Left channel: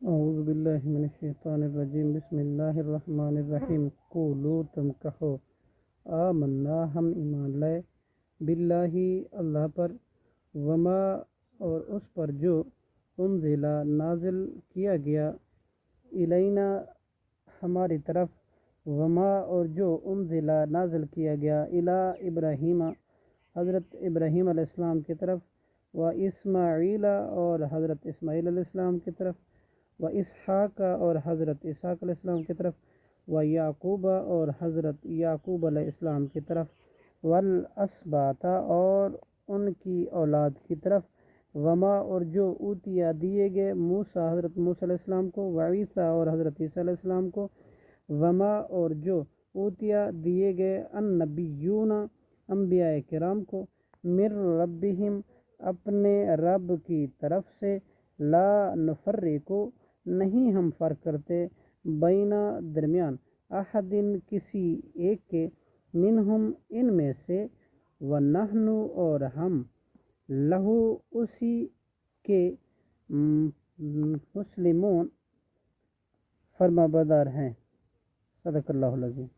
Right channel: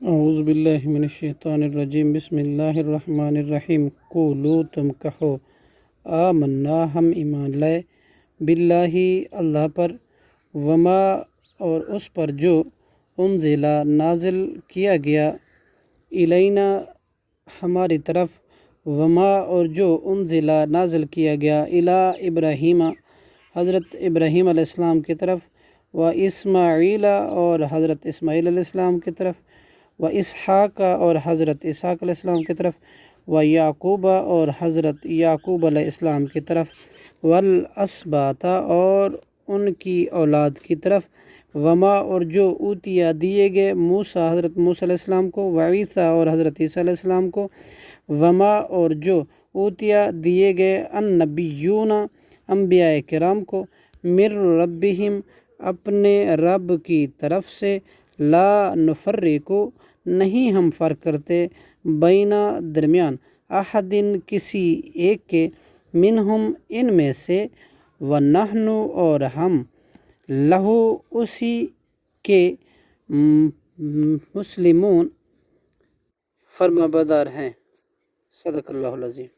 اعوذ باللہ من الشیطان الرجیم، بسم اللہ الرحمن الرحیم۔ قولو، تم کہو، آمنا، ہم ایمان لائے، باللہ، اللہ پر، وما، اور اس پر جو، انزلا، نازل کیا گیا، الینا، ہماری طرف، وما، اور جو انزلا، نازل کیا گیا، الی ابراہیم، حضرت ابراہیم علیہ السلام کی طرف، و اسماعیل، اور حضرت اسماعیل علیہ السلام کی طرف، و اسحاق، اور حضرت اسحاق علیہ السلام کی طرف، و یعقوب، اور حضرت یعقوب علیہ السلام کی طرف، والاسباط، اور ان کی اولاد کی طرف، وما، اور جو اوتیا، دیے گئے، موسیٰ، حضرت موسیٰ علیہ السلام کو، وعیسیٰ، اور حضرت عیسیٰ علیہ السلام کو، وما، اور جو اوتیا، دیے گئے، النبیون، انبیاء کرام کو، من ربہم، اپنے رب کی طرف سے، لا نفرق، نہیں ہم فرق کرتے، بینہ، درمیان، احدٍ، کسی ایک کے، منہم، ان میں سے، ونحن، اور ہم، لہو، اسی کے، مسلمون، فرما بردار ہیں۔ صدق اللہ العظیم۔